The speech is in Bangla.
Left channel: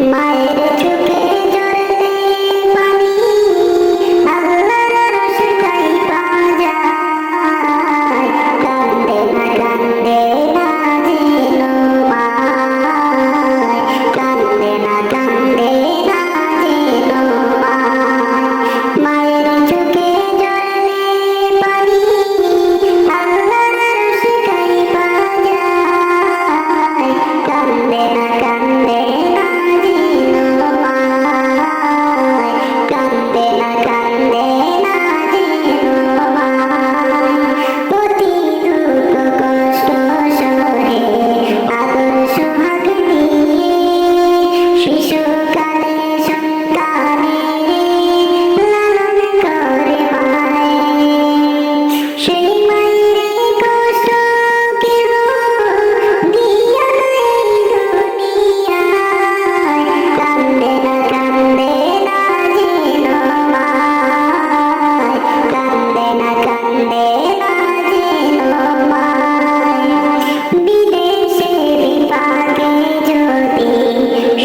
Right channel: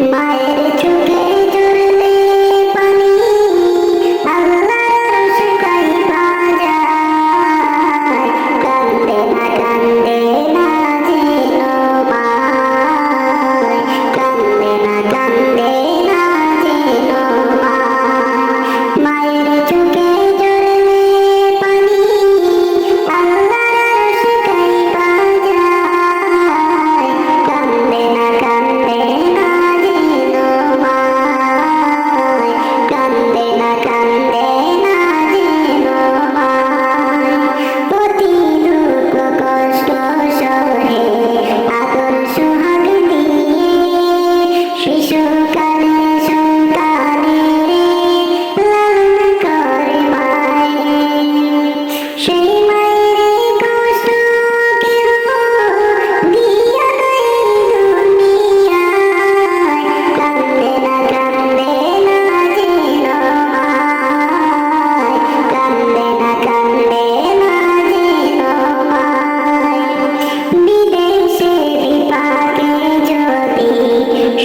মায়ের চোখে জড়লে পানি, আল্লাহর রস কাই যায়। কান্দে না কান্দে না যেন মায়। কান্দে না কান্দে না যেন মায়। মায়ের চোখে দুঃখ আদর সোহাগ দিয়ে শিশুকালে